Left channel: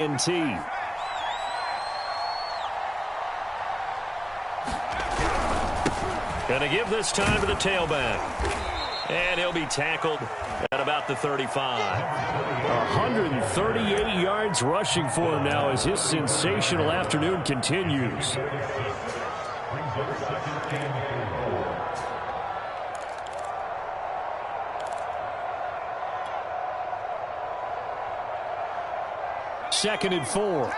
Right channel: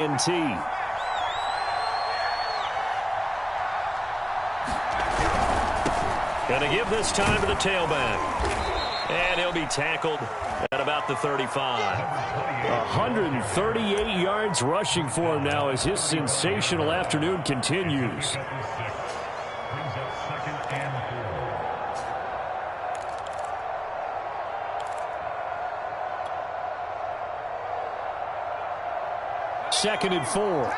INT. Going to give this time to the tailback. And he'll be tackled at about the 35. 138 yards rushing for him now as his sensational afternoon continues. Second and 4.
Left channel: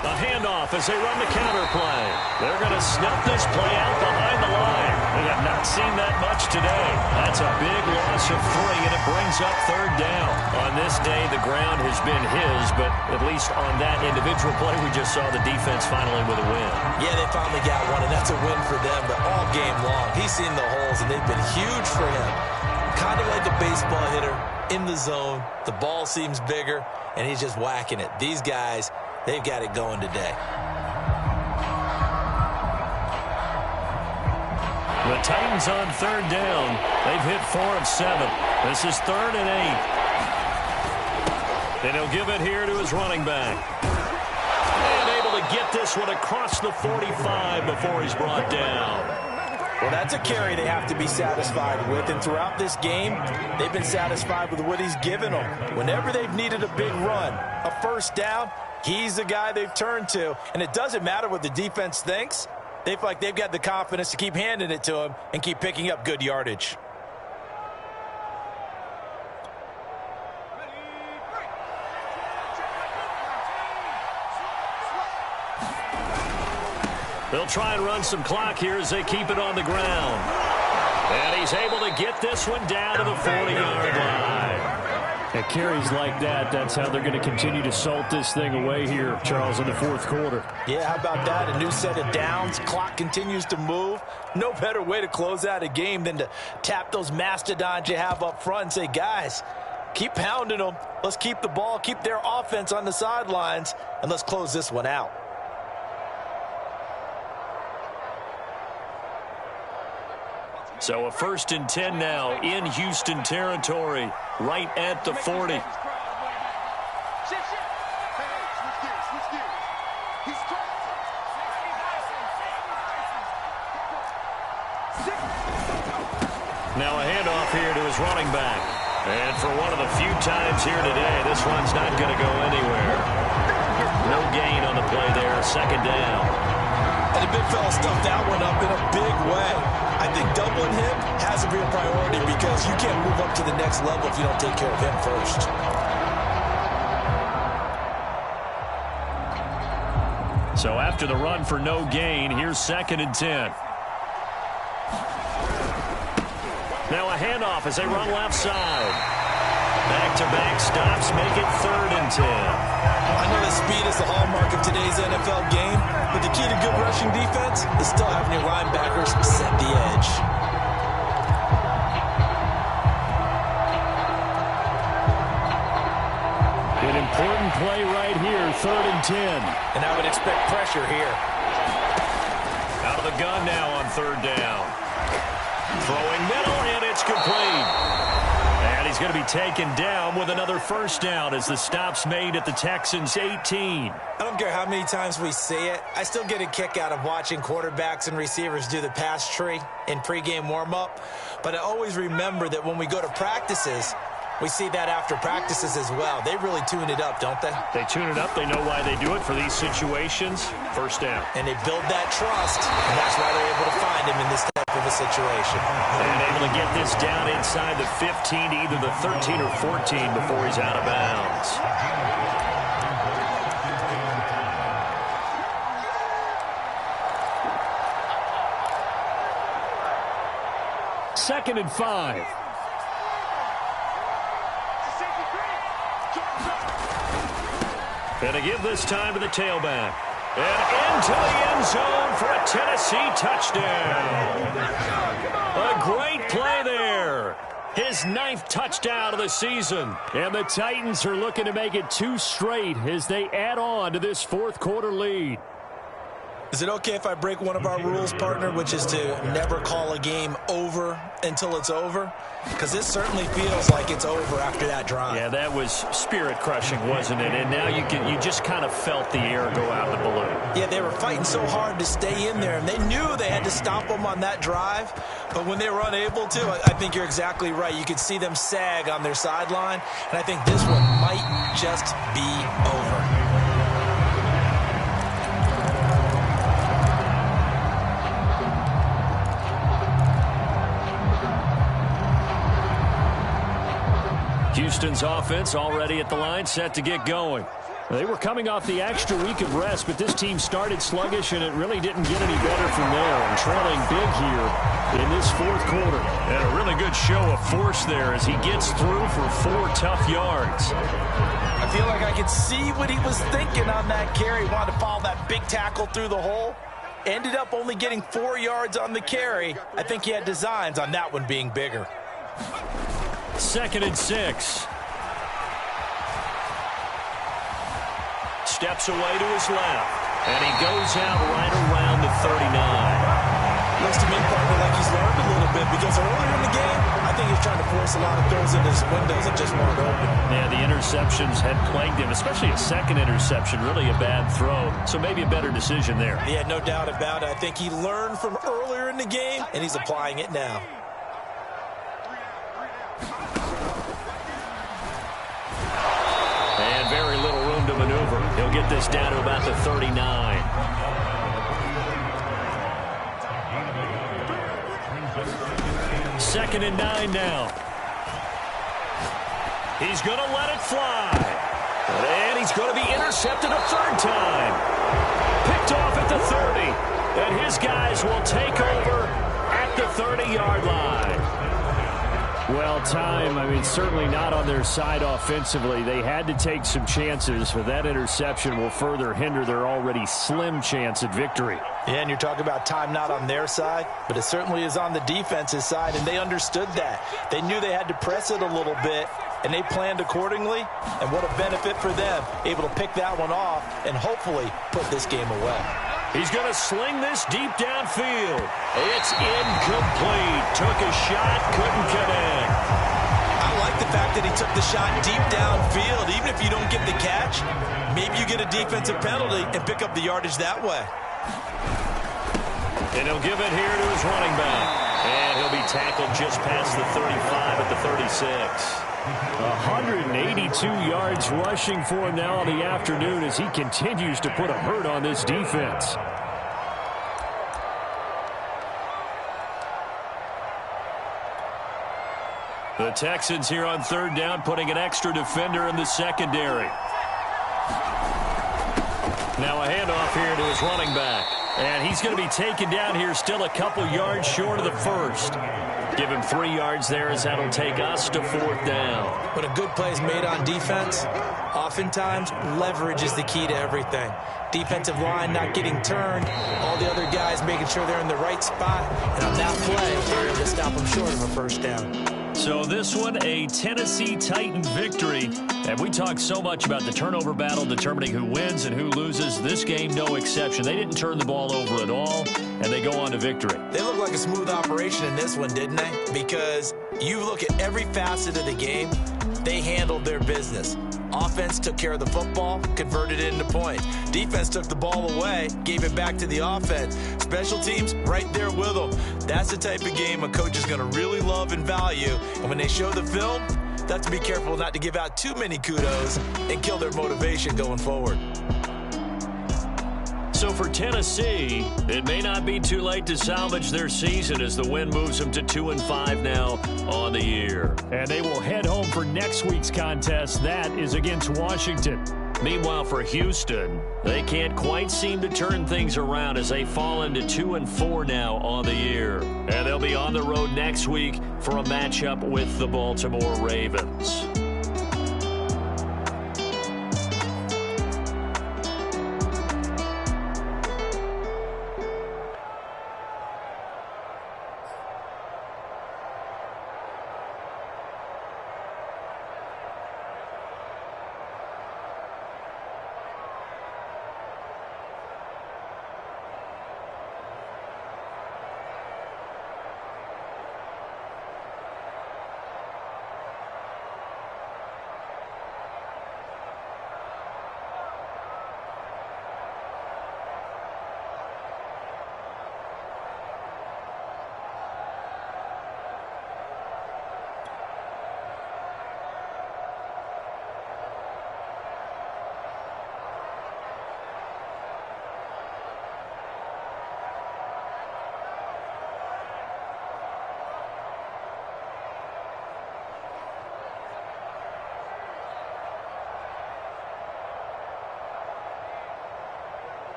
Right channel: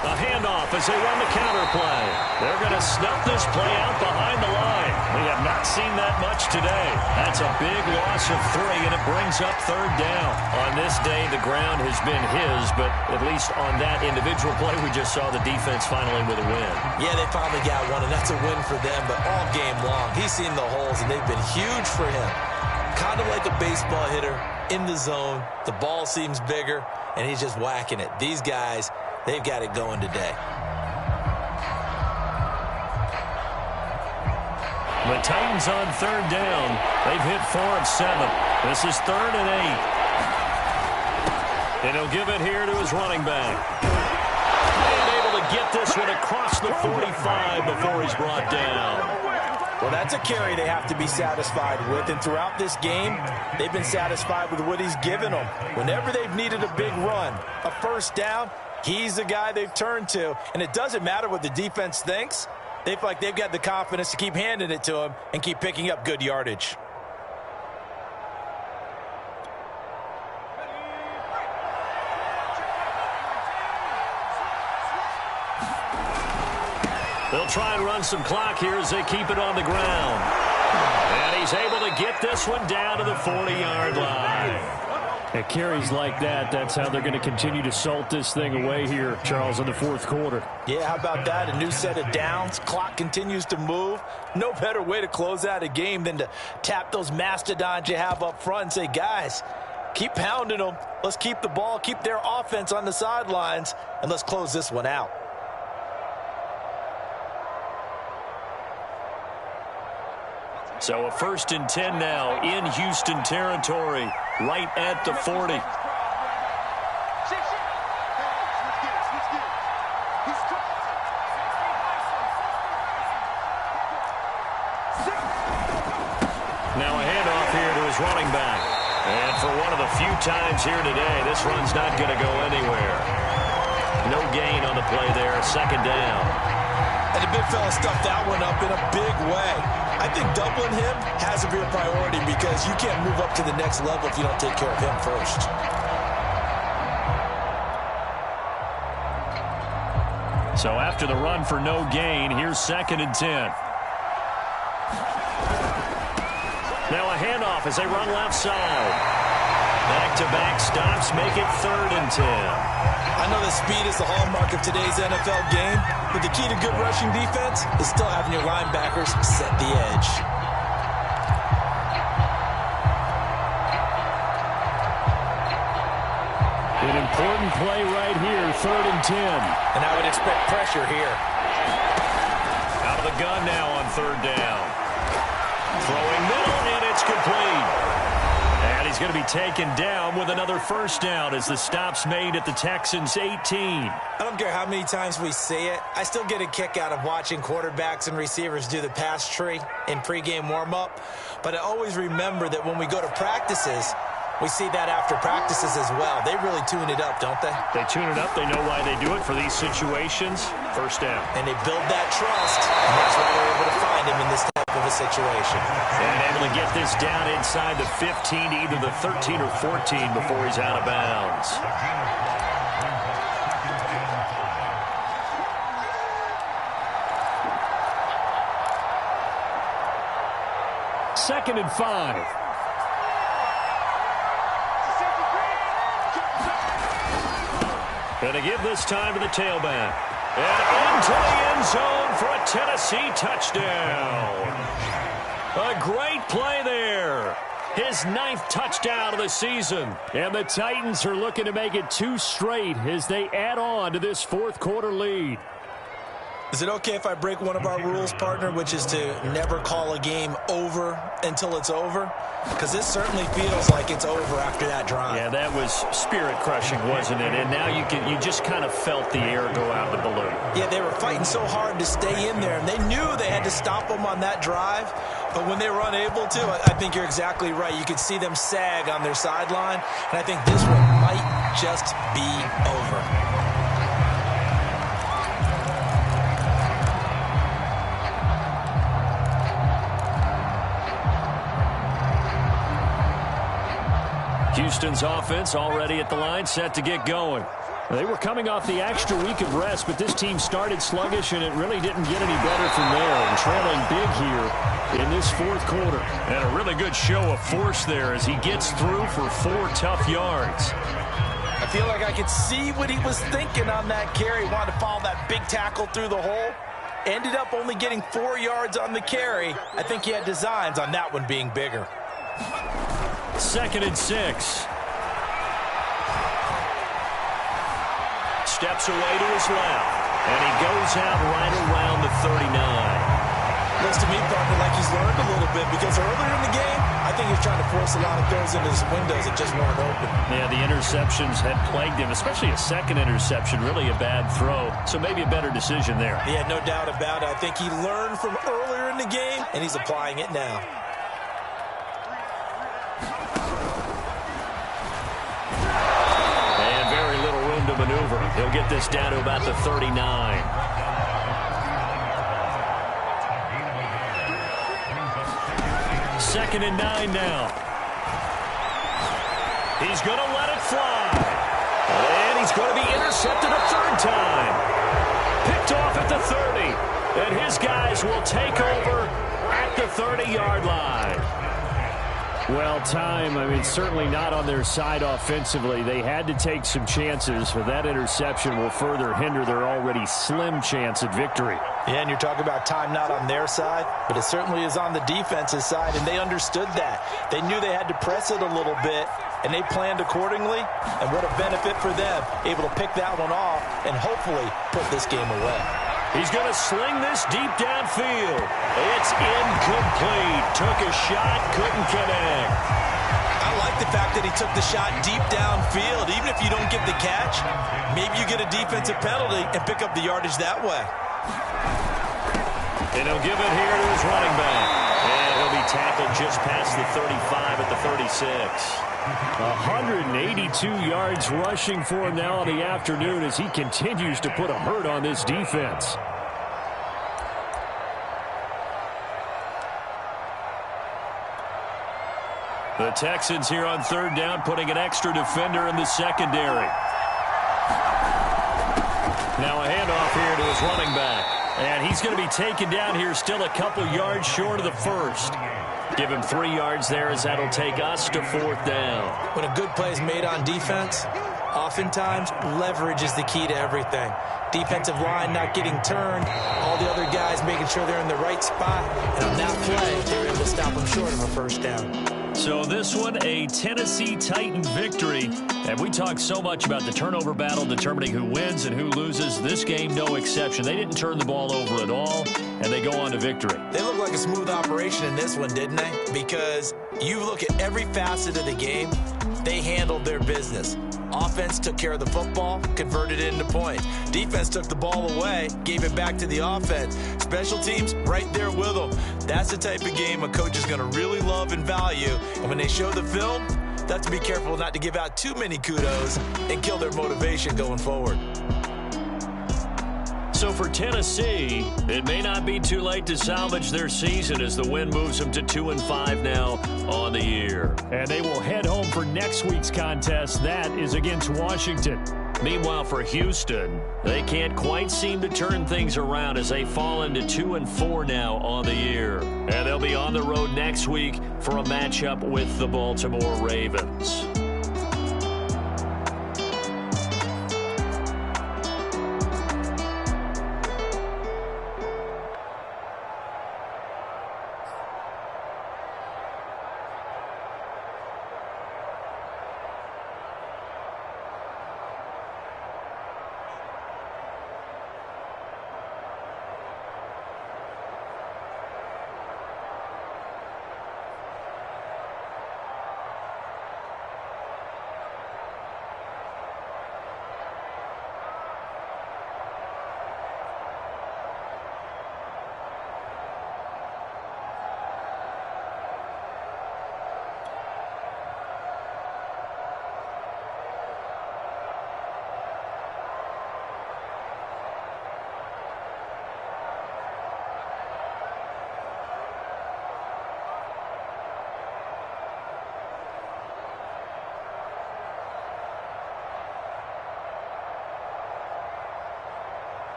A handoff as they run the counter play. They're going to snuff this play out behind the line. We have not seen that much today. That's a big loss of 3, and it brings up third down. On this day, the ground has been his, but at least on that individual play, we just saw the defense finally with a win. Yeah, they finally got one, and that's a win for them, but all game long, he's seen the holes, and they've been huge for him. Kind of like a baseball hitter in the zone. The ball seems bigger, and he's just whacking it. These guys, they've got it going today. The Titans on third down. They've hit 4 of 7. This is 3rd and 8. And he'll give it here to his running back. And able to get this one across the 45 before he's brought down. Well, that's a carry they have to be satisfied with. And throughout this game, they've been satisfied with what he's given them. Whenever they've needed a big run, a first down, he's the guy they've turned to. And it doesn't matter what the defense thinks. They feel like they've got the confidence to keep handing it to him and keep picking up good yardage. They'll try and run some clock here as they keep it on the ground. And he's able to get this one down to the 40-yard line. At carries like that, that's how they're going to continue to salt this thing away here, Charles, in the fourth quarter. Yeah, how about that? A new set of downs. Clock continues to move. No better way to close out a game than to tap those mastodons you have up front and say, guys, keep pounding them. Let's keep the ball, keep their offense on the sidelines, and let's close this one out. So a 1st and 10 now in Houston territory, right at the 40. Now a handoff here to his running back. And for one of the few times here today, this run's not going to go anywhere. No gain on the play there, 2nd down. And the big fella stuffed that one up in a big way. I think doubling him has to be a priority because you can't move up to the next level if you don't take care of him first. So after the run for no gain, here's 2nd and 10. Now a handoff as they run left side. Back-to-back stops make it 3rd and 10. I know that speed is the hallmark of today's NFL game, but the key to good rushing defense is still having your linebackers set the edge. An important play right here, 3rd and 10. And I would expect pressure here. Out of the gun now on 3rd down. Throwing middle, and it's complete. And he's going to be taken down with another 1st down as the stop's made at the Texans' 18. I don't care how many times we say it. I still get a kick out of watching quarterbacks and receivers do the pass tree in pregame warm-up. But I always remember that when we go to practices, we see that after practices as well. They really tune it up, don't they? They tune it up. They know why they do it for these situations. 1st down. And they build that trust, and that's why they're able to find him in this type of a situation. And able to get this down inside the 15 to either the 13 or 14 before he's out of bounds. Second and 5. Going to give this time to the tailback. And into the end zone for a Tennessee touchdown. A great play there. His 9th touchdown of the season. And the Titans are looking to make it 2 straight as they add on to this fourth quarter lead. Is it okay if I break one of our rules, partner, which is to never call a game over until it's over? Because this certainly feels like it's over after that drive. Yeah, that was spirit-crushing, wasn't it? And now you just kind of felt the air go out of the balloon. Yeah, they were fighting so hard to stay in there, and they knew they had to stop them on that drive. But when they were unable to, I think you're exactly right. You could see them sag on their sideline, and I think this one might just be over. Houston's offense already at the line, set to get going. They were coming off the extra week of rest, but this team started sluggish, and it really didn't get any better from there, and trailing big here in this fourth quarter. And a really good show of force there as he gets through for 4 tough yards. I feel like I could see what he was thinking on that carry. Wanted to follow that big tackle through the hole. Ended up only getting 4 yards on the carry. I think he had designs on that one being bigger. 2nd and 6. Steps away to his left, and he goes out right around the 39. Looks to me, partner, like he's learned a little bit, because earlier in the game, I think he was trying to force a lot of throws into his windows that just weren't open. Yeah, the interceptions had plagued him, especially a second interception, really a bad throw, so maybe a better decision there. Yeah, no doubt about it. I think he learned from earlier in the game, and he's applying it now. And very little room to maneuver. He'll get this down to about the 39. Second and 9 now. He's going to let it fly. And he's going to be intercepted a third time. Picked off at the 30. And his guys will take over at the 30-yard line. Well, certainly not on their side offensively. They had to take some chances, but that interception will further hinder their already slim chance at victory. Yeah, and you're talking about time not on their side, but it certainly is on the defense's side, and they understood that. They knew they had to press it a little bit, and they planned accordingly, and what a benefit for them, able to pick that one off and hopefully put this game away. He's going to sling this deep downfield. It's incomplete. Took a shot, couldn't connect. I like the fact that he took the shot deep downfield. Even if you don't get the catch, maybe you get a defensive penalty and pick up the yardage that way. And he'll give it here to his running back. And he'll be tackled just past the 35 at the 36. 182 yards rushing for him now on the afternoon as he continues to put a hurt on this defense. The Texans here on third down, putting an extra defender in the secondary. Now a handoff here to his running back. And he's going to be taken down here, still a couple yards short of the first. Give him 3 yards there as that'll take us to fourth down. When a good play is made on defense, oftentimes leverage is the key to everything. Defensive line not getting turned, all the other guys making sure they're in the right spot, and on that play, they're able to stop them short of a first down. So this one, a Tennessee Titan victory. And we talk so much about the turnover battle determining who wins and who loses. This game, no exception. They didn't turn the ball over at all, and they go on to victory. They look like a smooth operation in this one, didn't they? Because you look at every facet of the game, they handled their business. Offense took care of the football, converted it into points. Defense took the ball away, gave it back to the offense. Special teams, right there with them. That's the type of game a coach is going to really love and value. And when they show the film, they have to be careful not to give out too many kudos and kill their motivation going forward. So for Tennessee, it may not be too late to salvage their season as the win moves them to 2-5 now on the year. And they will head home for next week's contest. That is against Washington. Meanwhile, for Houston, they can't quite seem to turn things around as they fall into 2-4 now on the year. And they'll be on the road next week for a matchup with the Baltimore Ravens.